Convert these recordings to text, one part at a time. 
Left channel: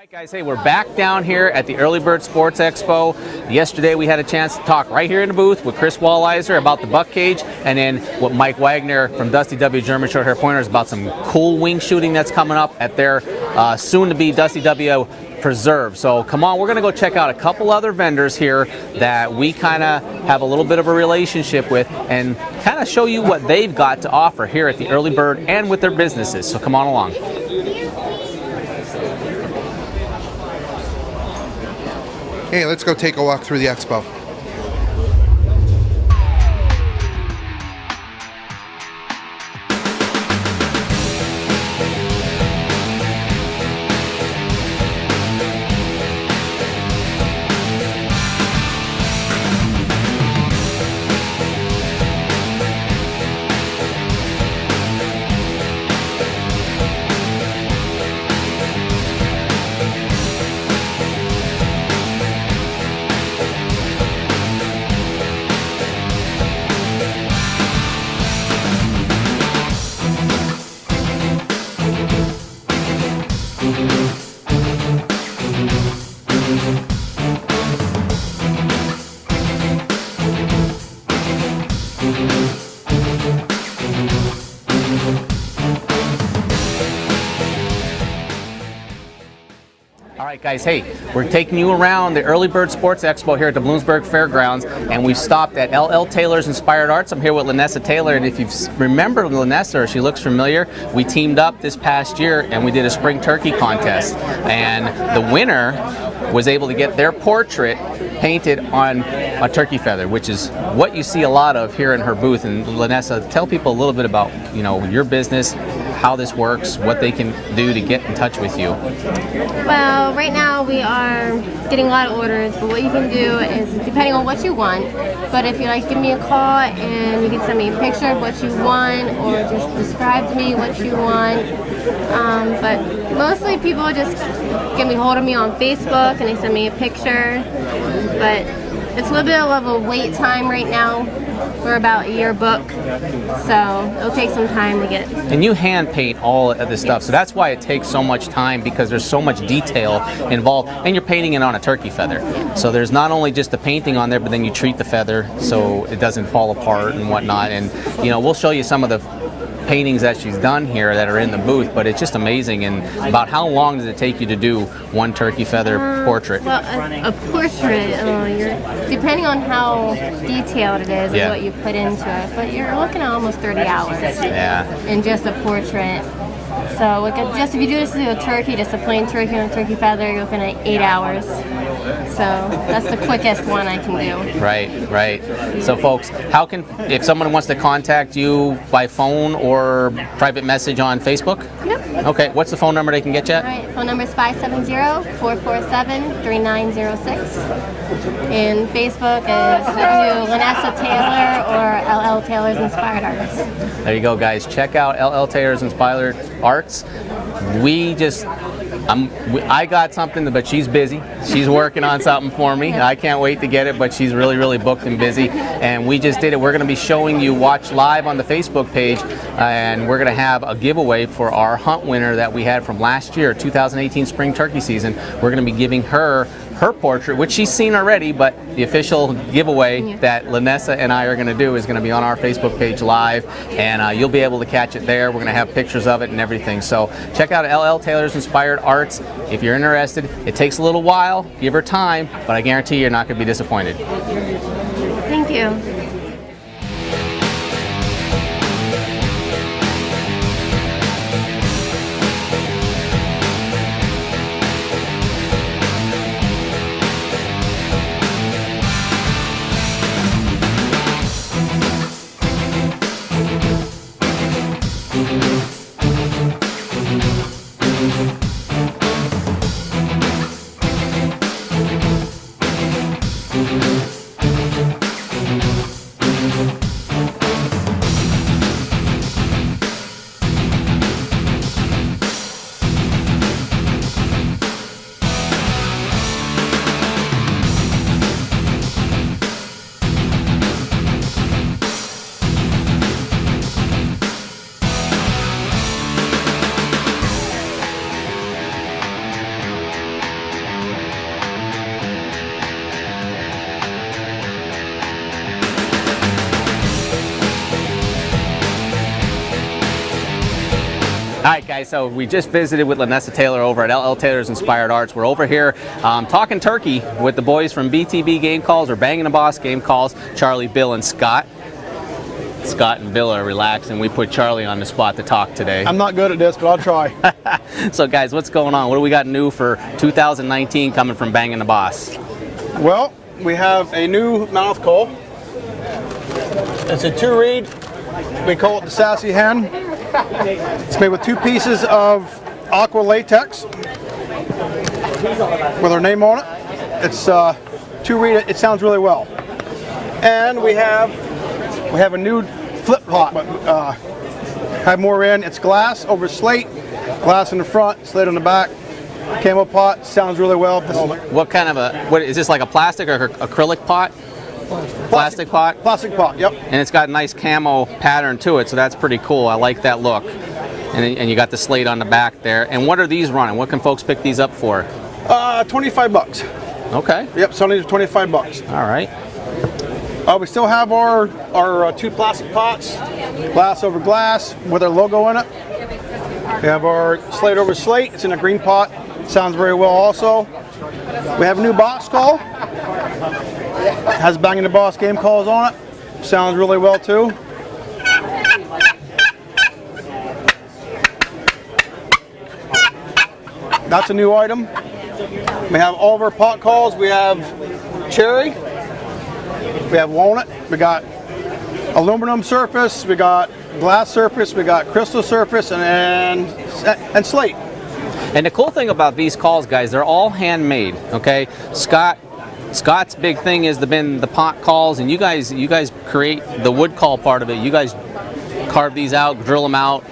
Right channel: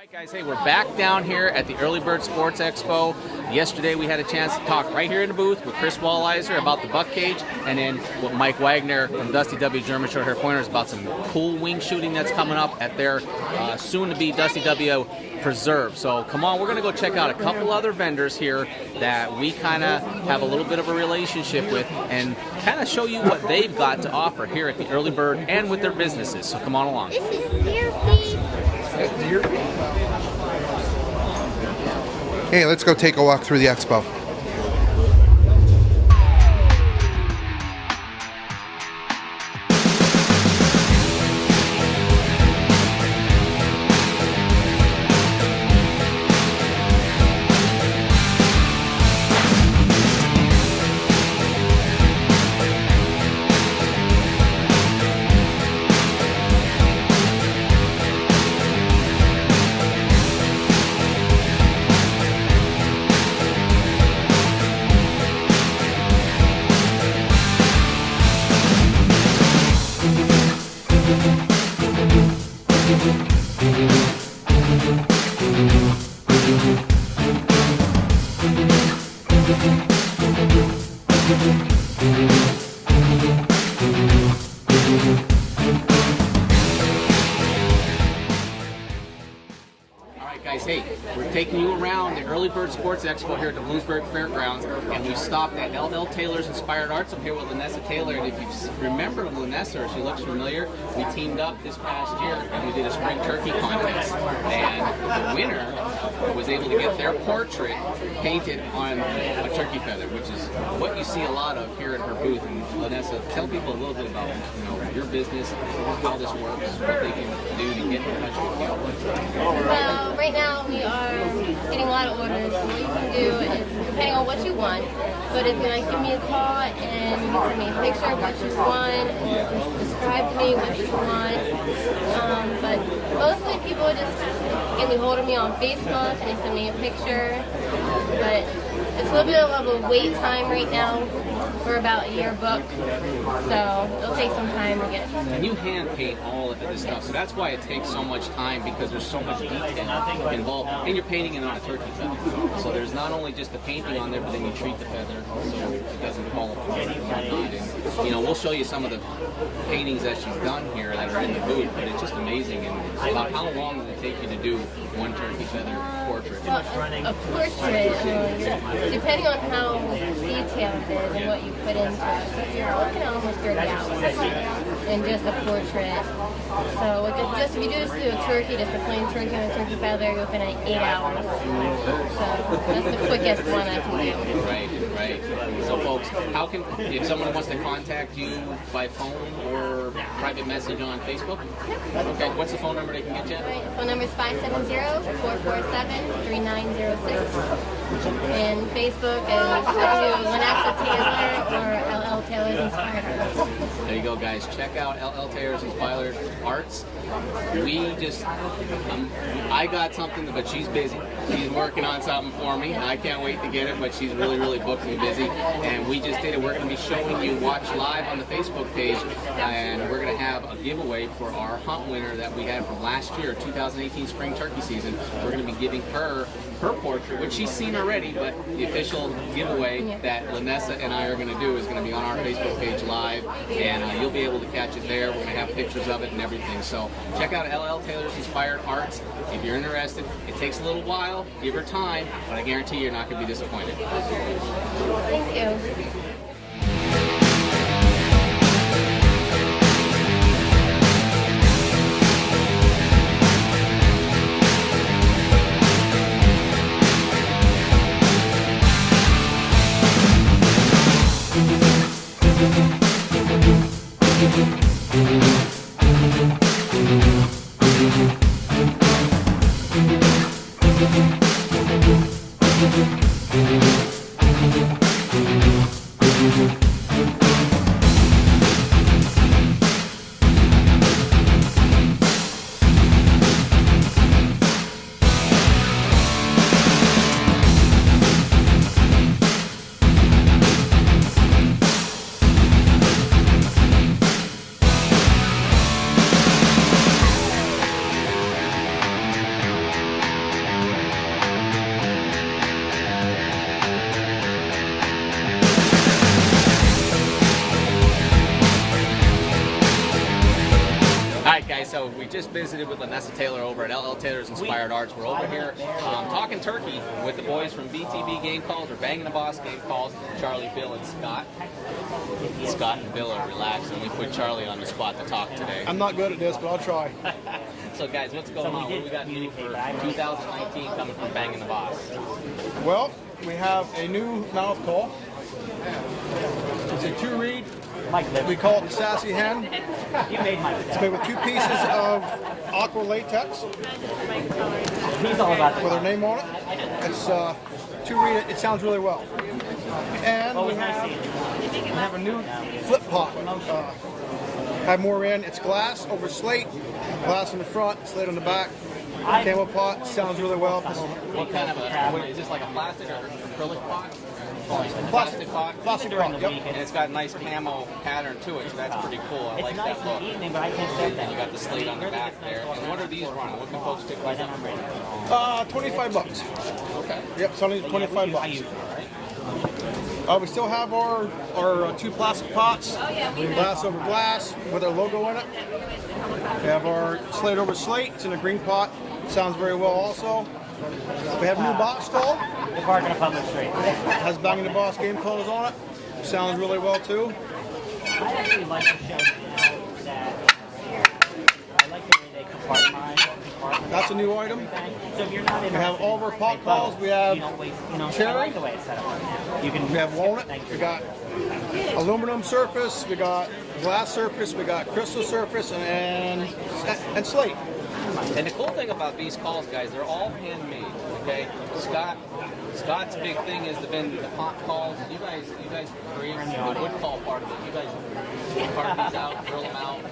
Alright guys, hey, we're back down here at the Early Bird Sports Expo. Yesterday we had a chance to talk right here in the booth with Chris Walliser about the buck cage, and then what Mike Wagner from Dusty W German Short Hair Pointers about some cool wing shooting that's coming up at their soon-to-be Dusty W Preserve. So come on, we're going to go check out a couple other vendors here that we kind of have a little bit of a relationship with and kind of show you what they've got to offer here at the Early Bird and with their businesses. So come on along. Hey, let's go take a walk through the expo. Alright guys, hey, we're taking you around the Early Bird Sports Expo here at the Bloomsburg Fairgrounds, and we've stopped at L.L. Taylor's Inspired Arts. I'm here with Lanessa Taylor, and if you remember Lanessa, or she looks familiar, we teamed up this past year and we did a spring turkey contest, and the winner was able to get their portrait painted on a turkey feather, which is what you see a lot of here in her booth. And Lanessa, tell people a little bit about, you know, your business, how this works, what they can do to get in touch with you. Well, right now we are getting a lot of orders, but what you can do is, depending on what you want, but if you like, give me a call and you can send me a picture of what you want, or just describe to me what you want. But mostly people just get me hold of me on Facebook and they send me a picture. But it's a little bit of a wait time right now. We're about a year book, so it'll take some time to get it. And you hand paint all of this stuff, so that's why it takes so much time, because there's so much detail involved, and you're painting it on a turkey feather. So there's not only just the painting on there, but then you treat the feather so it doesn't fall apart and whatnot. And you know, we'll show you some of the paintings that she's done here that are in the booth, but it's just amazing. And about how long does it take you to do one turkey feather portrait? Well, a portrait, depending on how detailed it is and what you put into it, but you're looking at almost 30 hours in just a portrait. So just if you do this to a turkey, just a plain turkey on a turkey feather, you're looking at 8 hours. So that's the quickest one I can do. Right. So folks, if someone wants to contact you by phone or private message on Facebook? Yep. Okay, what's the phone number they can get you at? All right, phone number is 570-447-3906. And Facebook is Lanessa Taylor or L.L. Taylor's Inspired Arts. There you go, guys. Check out L.L. Taylor's Inspired Arts. I got something, but she's busy. She's working on something for me. I can't wait to get it, but she's really booked and busy. And we just did it. We're going to be showing you, watch live on the Facebook page, and we're going to have a giveaway for our hunt winner that we had from last year, 2018 spring turkey season. We're going to be giving her portrait, which she's seen already, but the official giveaway that Lanessa and I are going to do is going to be on our Facebook page live, and you'll be able to catch it there. We're going to have pictures of it and everything. So check out L.L. Taylor's Inspired Arts if you're interested. It takes a little while, give her time, but I guarantee you're not going to be disappointed. Thank you. So we just visited with Lanessa Taylor over at L.L. Taylor's Inspired Arts. We're over here talking turkey with the boys from BTB Game Calls, or Bangin' the Boss Game Calls, Charlie, Bill, and Scott. Scott and Bill are relaxed, and we put Charlie on the spot to talk today. I'm not good at this, but I'll try. So guys, what's going on? What do we got new for 2019 coming from Bangin' the Boss? Well, we have a new mouth call. It's a 2-reed. We call it the Sassy Hen. It's made with 2 pieces of aqua latex with our name on it. It's 2-reed. It sounds really well. And we have a new flip pot, but have more in. It's glass over slate, glass in the front, slate on the back. Camo pot sounds really well. What kind of what is this, like a plastic or acrylic pot? Plastic pot? Plastic pot, yep. And it's got a nice camo pattern to it, so that's pretty cool. I like that look. And you got the slate on the back there. And what are these running? What can folks pick these up for? $25. Okay. Yep, some of these are $25. All right. We still have our 2 plastic pots, glass over glass with our logo in it. We have our slate over slate. It's in a green pot. Sounds very well also. We have a new box call. Has Bangin' the Boss Game Calls on it. Sounds really well too. That's a new item. We have all of our pot calls. We have cherry. We have walnut. We got aluminum surface. We got glass surface. We got crystal surface and slate. And the cool thing about these calls, guys, they're all handmade. Okay, Scott's big thing has been the pot calls, and you guys create the wood call part of it. You guys carve these out, drill them out,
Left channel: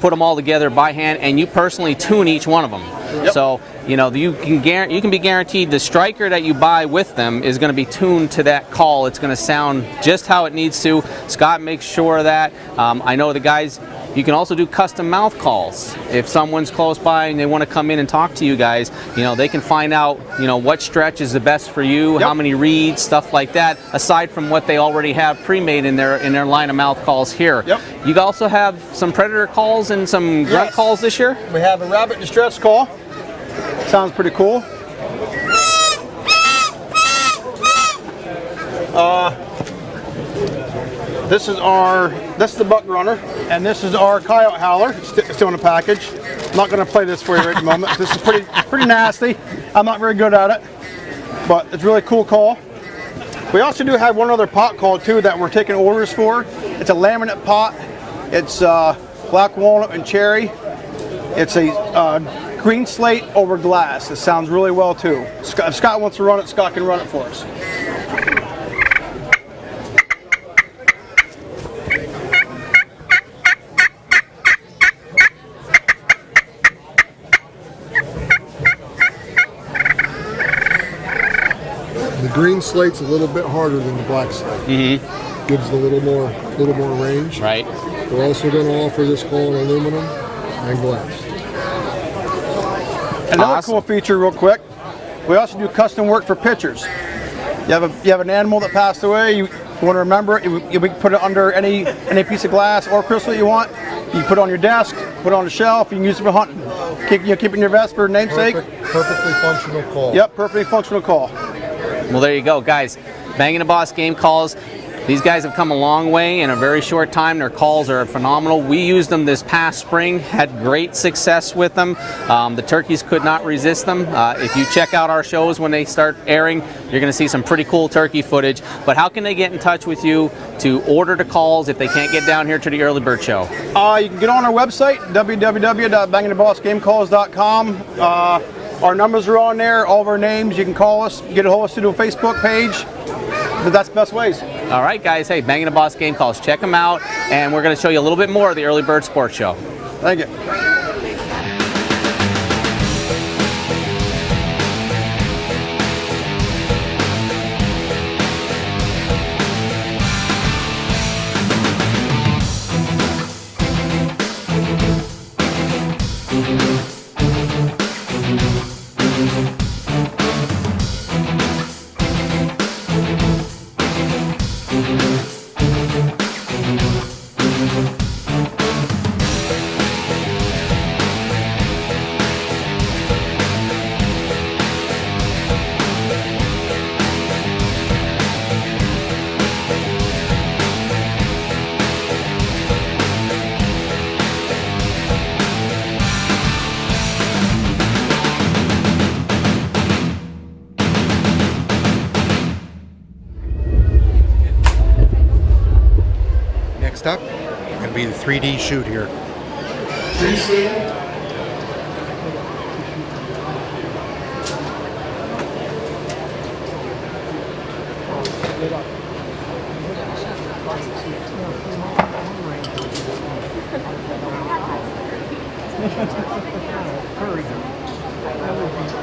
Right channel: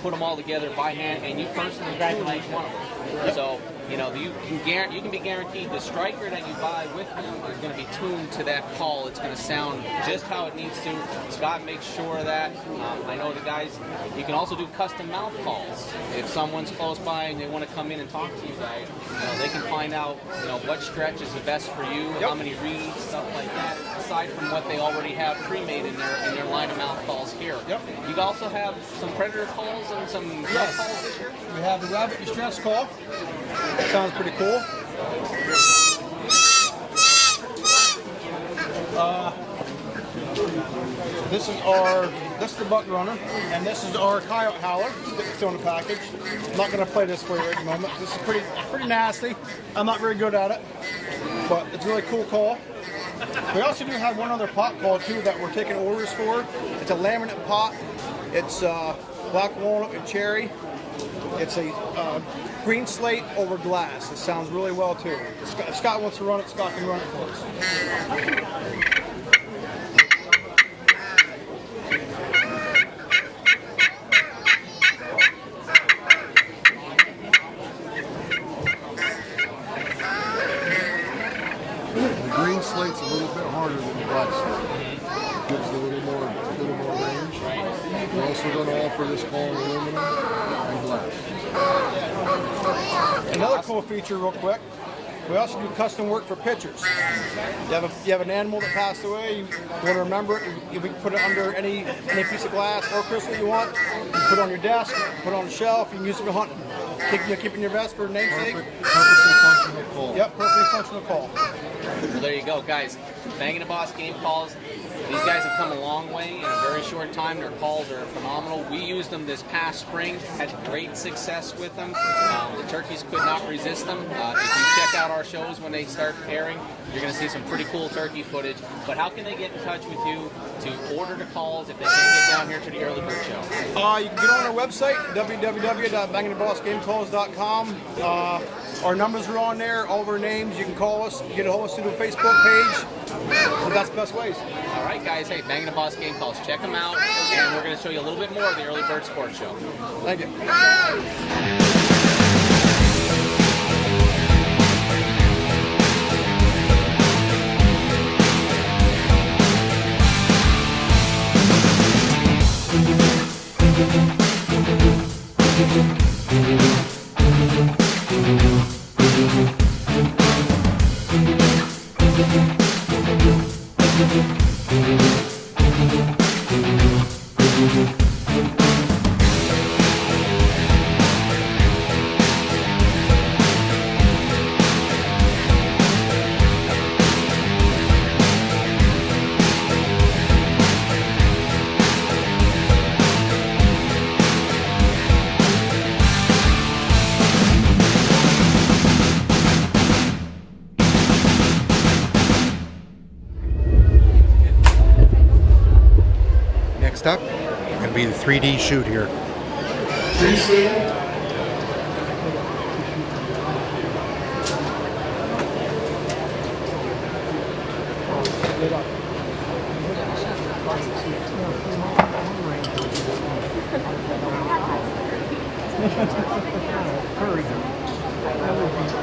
put them all together by hand, and you personally tune each one of them. Yep. So you can be guaranteed the striker that you buy with them is going to be tuned to that call. It's going to sound just how it needs to. Scott makes sure of that. I know the guys. You can also do custom mouth calls. If someone's close by and they want to come in and talk to you guys, they can find out, what stretch is the best for you, yep. How many reads, stuff like that, aside from what they already have pre-made in their line of mouth calls here. Yep. You also have some predator calls and some grunt calls this year? We have a rabbit distress call. Sounds pretty cool. This is the buck runner, and this is our coyote howler. It's still in the package. I'm not going to play this for you right at the moment. This is pretty nasty. I'm not very good at it, but it's a really cool call. We also do have one other pot call too that we're taking orders for. It's a laminate pot. It's black walnut and cherry. It's a green slate over glass. It sounds really well too. If Scott wants to run it, Scott can run it for us. The green slate's a little bit harder than the black slate. Mm-hmm. Gives a little more range. Right. We're also going to offer this call in aluminum and glass. Another Awesome. cool feature, real quick. We also do custom work for pictures. You have an animal that passed away. You want to remember it. We can put it under any piece of glass or crystal you want. You put it on your desk, put it on the shelf. You can use it for hunting. Keep it in your vest for namesake. Perfectly functional call. Yep, perfectly functional call. Well, there you go, guys. Bangin' the Boss Game Calls. These guys have come a long way in a very short time. Their calls are phenomenal. We used them this past spring, had great success with them. The turkeys could not resist them. If you check out our shows when they start airing, you're going to see some pretty cool turkey footage. But how can they get in touch with you to order the calls if they can't get down here to the Early Bird Show? You can get on our website, www.bangingthebossgamecalls.com. Our numbers are on there, all of our names. You can call us, get a hold of us through the Facebook page. But that's the best ways. All right, guys. Hey, Bangin' the Boss Game Calls. Check them out, and we're going to show you a little bit more of the Early Bird Sports Show. Thank you. Next up, going to be the 3D shoot here.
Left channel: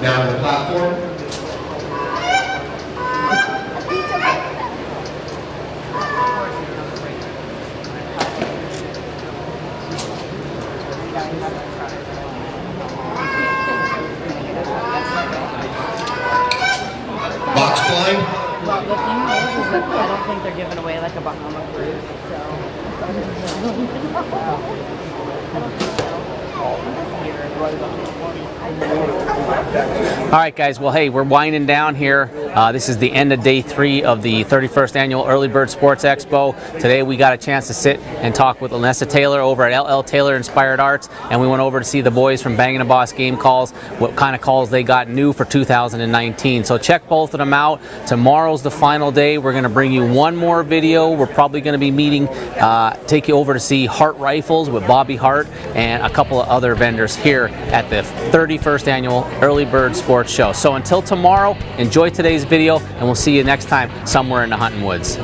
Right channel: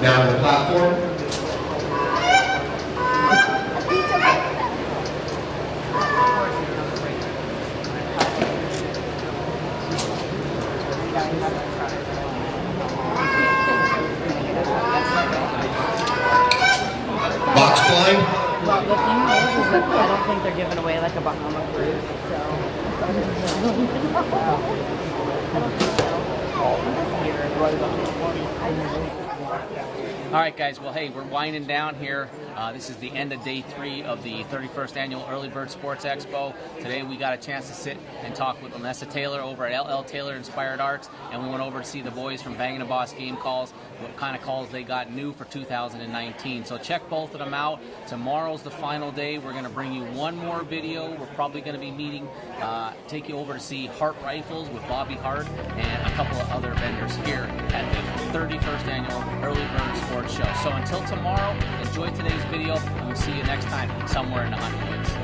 Now on the platform. Box blind. Well, the thing is that I don't think they're giving away like a Bahama cruise, All right, guys. Well, hey, we're winding down here. This is the end of day 3 of the 31st annual Early Bird Sports Expo. Today we got a chance to sit and talk with Lanessa Taylor over at L.L. Taylor Inspired Arts, and we went over to see the boys from Bangin Game Calls, what kind of calls they got new for 2019. So check both of them out. Tomorrow's the final day. We're going to bring you one more video. We're probably going to be meeting, take you over to see Hart Rifles with Bobby Hart and a couple of other vendors here at the 31st annual Early Bird Sports Show. So until tomorrow, enjoy today's video, and we'll see you next time somewhere in the hunting woods.